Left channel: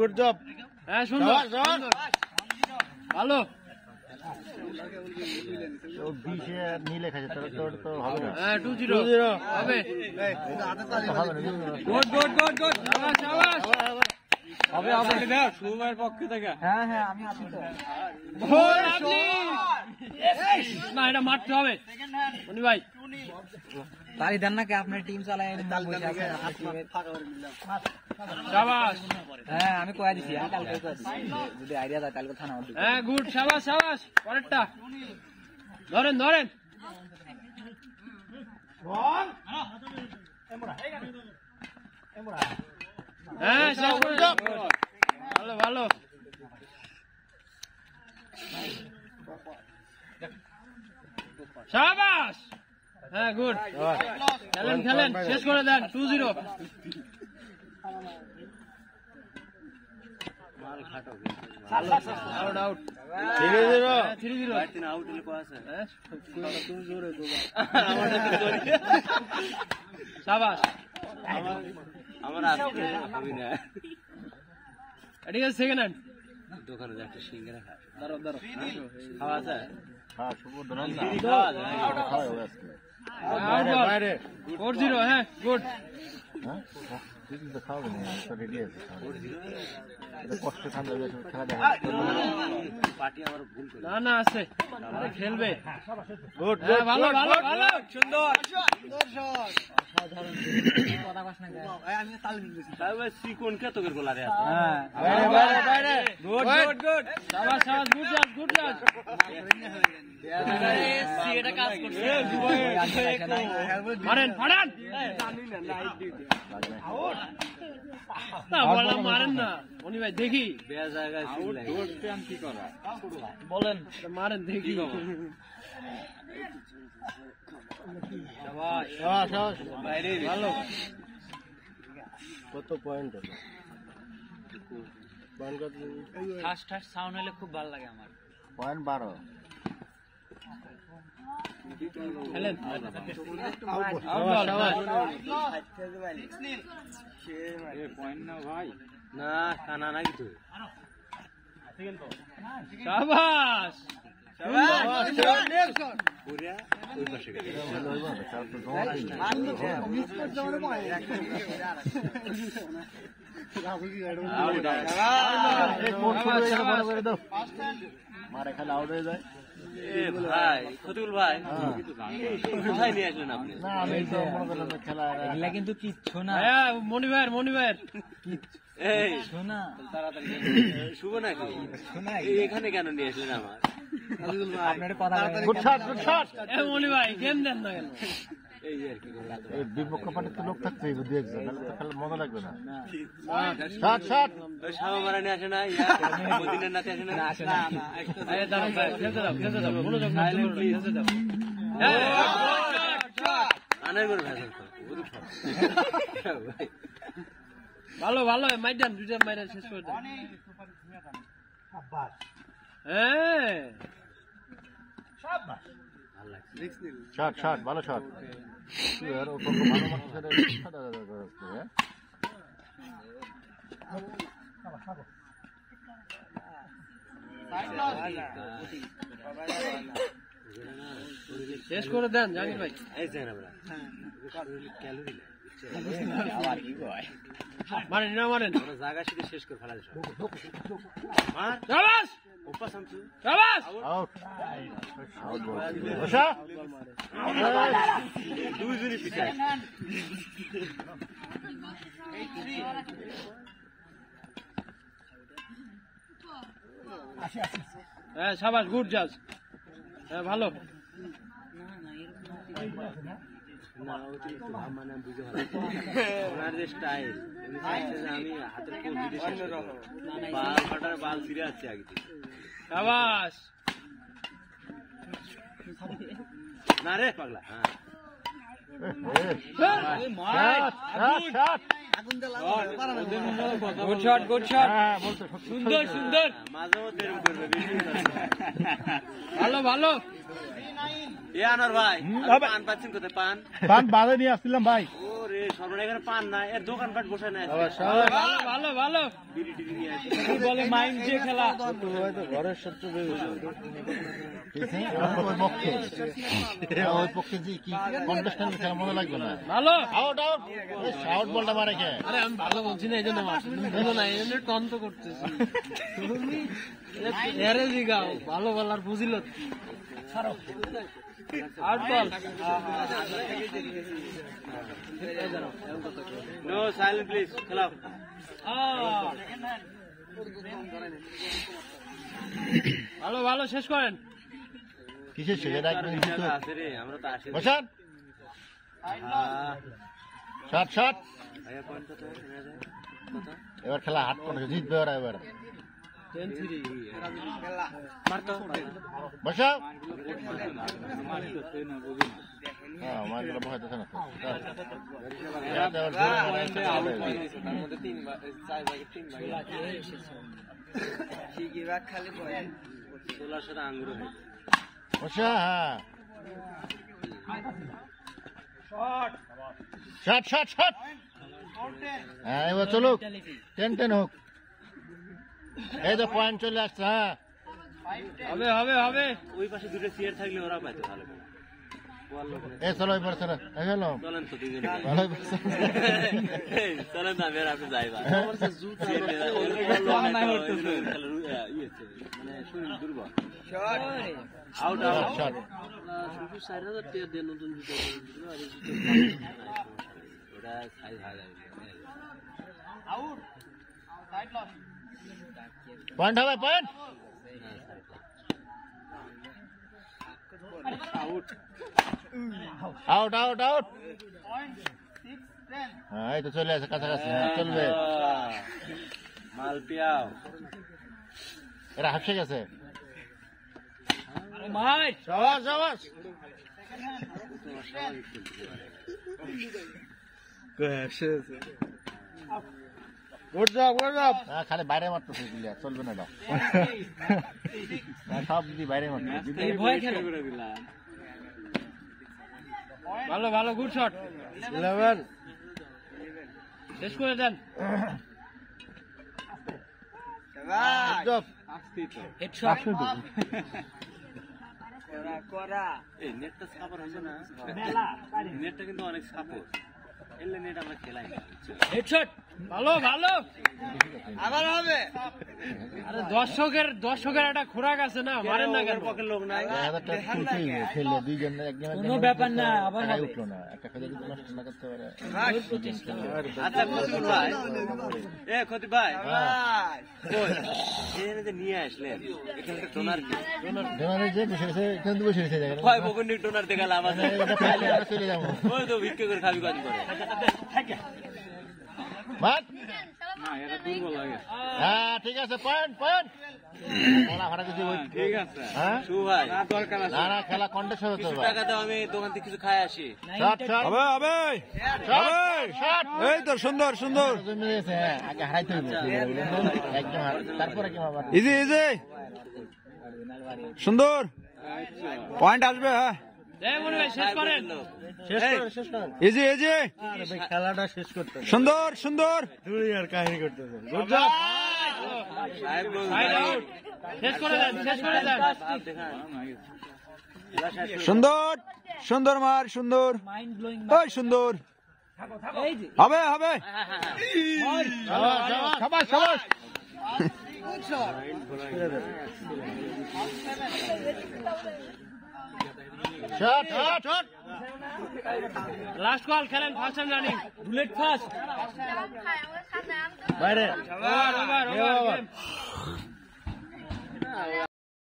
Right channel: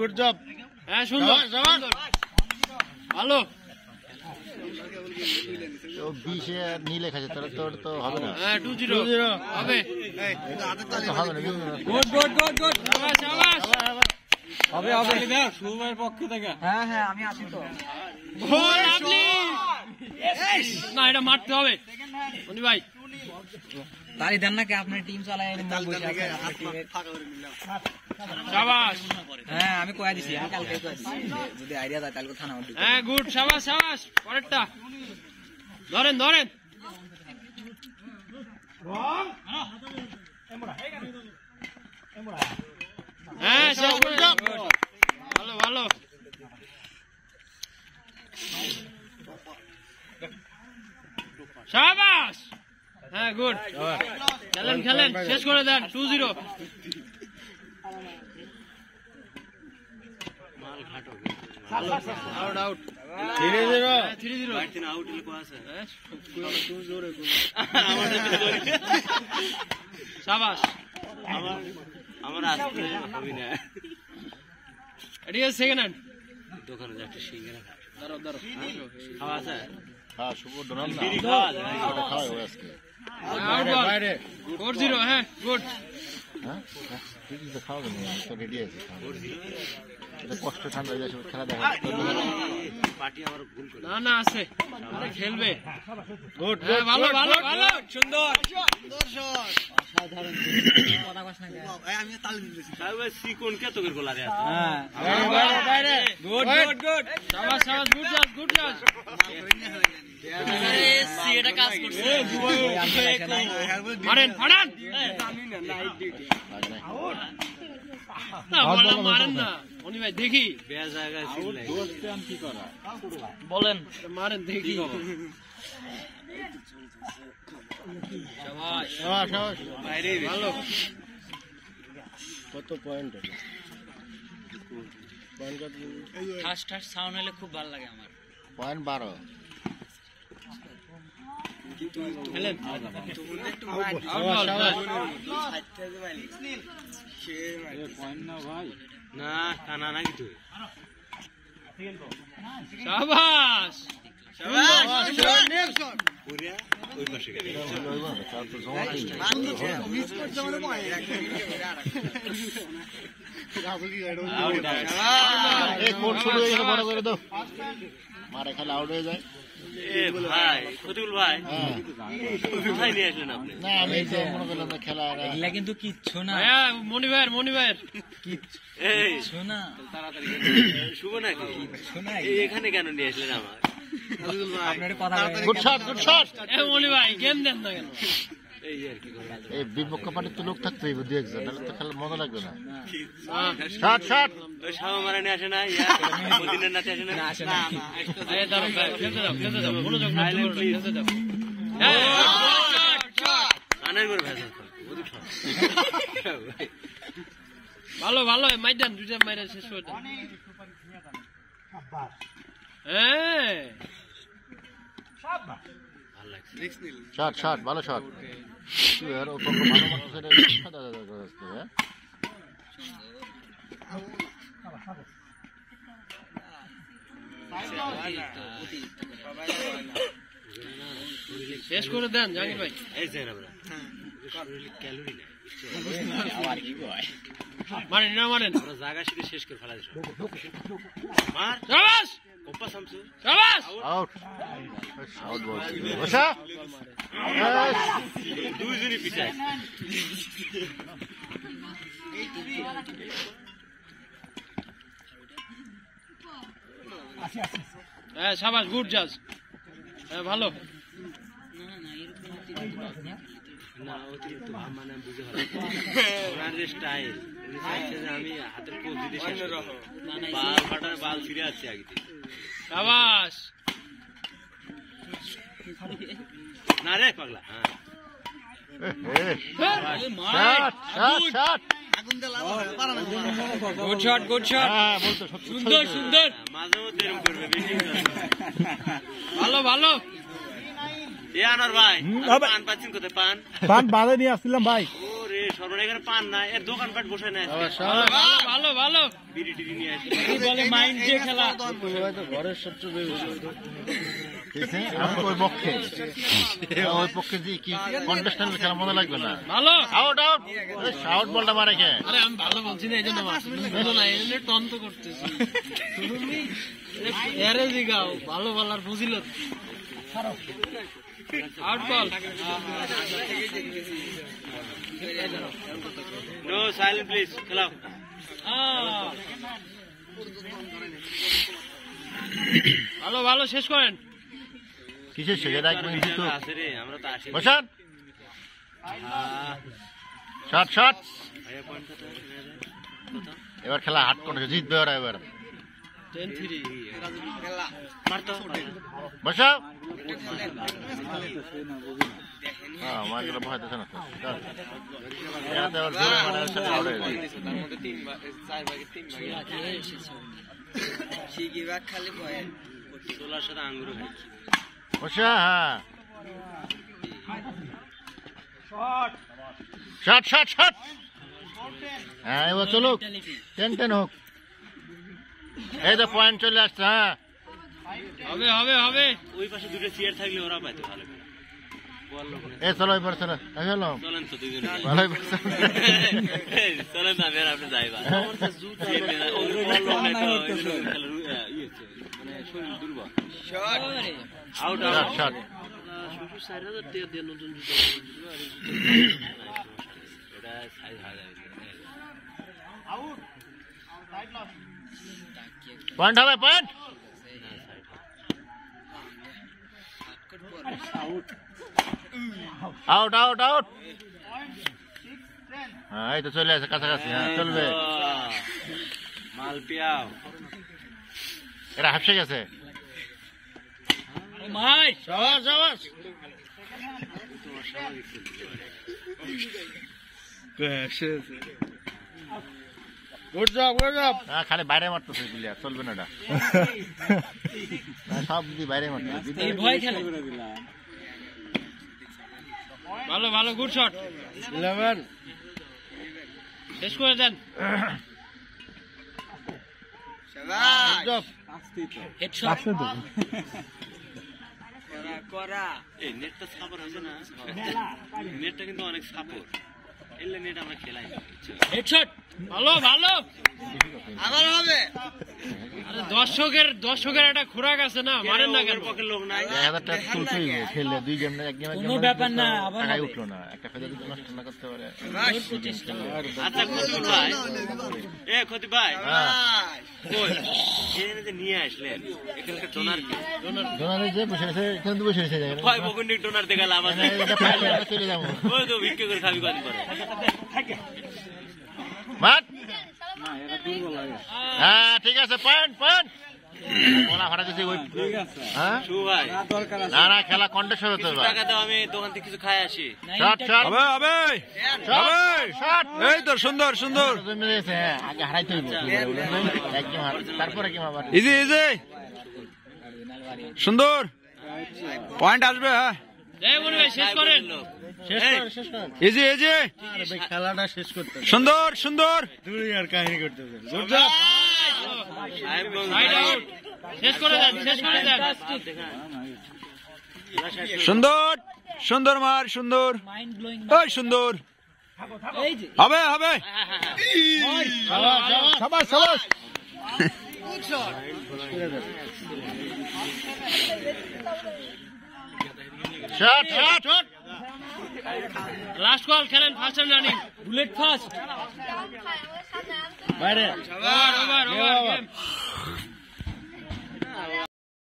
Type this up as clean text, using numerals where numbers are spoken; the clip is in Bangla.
গুড জব হ্যাঁ সুন্দর ভালো। 20-এ নিলে খাচ্ছে তাহলে তোর তো হবে না। 2-0 হবে হবে না। গুড হবে সুরমার পক্ষে থেকে। হ্যাঁ হ্যাঁ আমি আছি তো। না এটা মারতে হবে মনি ভাই। তালি দেন না কে আপনার টিম চালায়। শাবাশ। হ্যাঁ আমি কয়া দিছি, আমি কালকে কয়া দিছি যদি আইডিয়া দেয় কালকে থানা উঠবে। হ্যাঁ গুড শাবাশ পরেরটা ধরেন হ্যাঁ ভালো শাবাশ। হ্যাঁ গুড খেলেন শেষ করে দেন। 2-0 আউট 3-0 আউট শাবাশ। ঠিক আছে সেকেন্ড হ্যান্ড দোকানে যাচ্ছে সিঙ্গারা খাওয়া আছে। হ্যাঁ শুভ ডোনাল না খাওয়াই ও আজকে 4-0 হ্যাঁ গুড। হ্যাঁ ঠিক আছে খাওয়াবে না তো রেডি আছে এটা কষ্ট ঠান্ডা যাচ্ছে খেলা দেখা না আছে খেলবে। গুড ভালো সুন্দর মারেন না মনি ভাই দেখি বলেন মারেন দেখি। ভালো কত পয়েন্ট ফার্স্ট সাউন্ড হলে খুব ভালো লাগে আমার। পয়েন্ট 12 খেলেন না কানা না কিছু শাবাশ বড় করে দাও মারে খালি আউট হয়ে যায়। ভাই ফতুল ভাই কোথায় নিয়ে আসলেন আপনি? না আমি তো মনে করলাম না খেলা এগুলা কিন্তু কিচ্ছু না। মনি ভাইয়ের কিচ্ছু না তাড়াতাড়ি শুভ নাকি এখানে কেন নিয়ে আসলেন আমার? আপনার কথা গুড শট মনি ভাই গেম দেন না কেন? এই বিপক্ষ পার্টির তো লোক থাকতে হইবে 2-1 নাহলে তো খেলা মজা লাগবে না। শট ওই শামা মারা নিয়ে আসে না মদিনার নাতে আসে না খেলতে দাও মনোযোগ না খেলতে দাও। ভালো মাইদান দুইটা মাইরা শেষ করে দেন। হ্যাঁ শট ভালো শট আর ও ভালো মারতেছে রে সাদা রাস্তা। হ্যাঁ শেষ করে দেন জাকির ভাই। এই যে না শরীরে ক্যালোরি নেই মারেন জায়গা শিখে শেষ করে ফেলা শাবাশ ওপা সামসু আউট বল বসা দুইজনই পিছায় হ্যাঁ শাবাশ গুড জাজ ভালো। স্টাইল আমি হাতের কোচ দিতে বাল ফিরে আসছে আগে শাবাশ না রে পাগলা। শট গুড শট সুন্দর মাঝেও দেরি করবে ভালো এ আনোয়ার ভাই হবে। পান পাচ্ছেন কোথায় পান পান বাজে নিয়ে আসছিলাম ভাই। ওরে সর্বনা এখানে পান না এর দোকানপাট বসে না ভালো ভালো বিড়ি টিড়ি নিয়ে আসে বলে মাইন্ড দিয়ে খেলা আমি ওই পক্ষে ওই পক্ষে যে কি কন্টেস্টেন্ট খেলা মজা লাগবে না। ভালো আউট আউট আউট বলটা মারে কে? আরে আমি ভালো বলছি না এই জন্য ভালো না এই জন্য তন্ত করতেছি তুমি এরে জিগাও ভালো বলার বুঝিল আউট বল নো সাইলেন্ট প্লিজ খেলাও ভালো ভালো শেষ করেন কিসের শেখে রাখবেন দিত আছে রে আমরা তো আসি বসান শট শট এবার খেলা হাট করে জিতবে ওরা এবার 10-3 বসাও আমার গুলো ভয় দিচ্ছে না এতে আবার জোরে মারা আছে আউট হয়ে যায় সোলার সাথে আঙ্গুর বসা হ্যাঁ শট শট শট হ্যাঁ এবার চলুক 10-10 হোক এই তো পয়েন্ট চলে আসছে হ্যাঁ হবে হবে হবে ওই পাশে দুটো চেয়ার থাকলে ওরা পাইতো ভালো এ চলো এবার চলো চলো চলেন তো দুজনে ভালোই চলেন না মেয়ের আপনি যাইবা আউট শট শট শ্বশুর 4000 টাকা দিয়ে নতুন জুতো এটা সাইজ হাই যাবে পয়েন্ট হবে পয়েন্ট আউট আউট আউট হ্যাঁ এই তো চলে আসে কাছাকাছি হ্যাঁ চলবে মাল পিয়াও এরা হাসে গেছে ও মাই সাবাস সাবাস গুড জব গুড জব। খালি বাইরে মারতেছে প্লেয়ার চলবে না এটা সব দিদি বাইরে মারতেছে এই ভয় খেলে ভালো ভালো গুড শট 11 শেষ করে দেন গুড জব। হেডশট এই নেটটা সাপোর্ট আছে না নেটটা কিন্তু অনেক সাপোর্ট এলে নেট আমরা খেলাই না হেডশট ভালো ভালো আবার হবে আরে দর্শকের একটা খোরাক আছে না মারেন না কেন পক্ষে লোক নাই 1000 টাকা তুলতেই খেললে দুই গেম এক গেম কোনো ব্যাপার না আবার টাকাই উঠলো না একটা ফেলে যদি নষ্ট না করতে পারে আচ্ছা ক্ষতি ভাই এ ক্ষতি ভাই হ্যাঁ কই এখানে যে নিয়ে আসলেন এখানে ডোনার কি জোনারে যে বসে আছে কিন্তু বসে আছে জায়গা হয় বগুন্ডি ডোনার দেখা লাভ আছে এটা পাইলে আমরা চলে যাবো ওই তো ভিক্ষা করে খাবি কাজ করে মাত হ্যাঁ ঠিক আছে পয়েন্ট পয়েন্ট ওলা ভাড়া দিছি ওই হ্যাঁ শু ভাই না না খেলা কন্টেস্ট হবে তো এবার টাকা দাও আমি দোকান থেকে কিছু খাই আসি শট শট হবে হবে শট শট এই তো সুন্দর সুন্দর। জমে গেছে হ্যাঁ আগে হারাইতে হইবে একদম তারপরে কি আবার ইজি ইজি সুন্দর পয়েন্ট আসবে হ্যাঁ এই মনে হয় শেষ করেন শেষ করেন ইজি ইজি খেলাটা শেষ করতে সুন্দর সুন্দর। দুই আর কাহিনী করতে গুড সাইড আউট শেষ করে দেন সুন্দর সুন্দর মার সুন্দর ওই সুন্দর হবে হবে সবাই সবাই shot shot shot last call খেলেন first time running bullet first বাইরে ওভার ওভার ওভার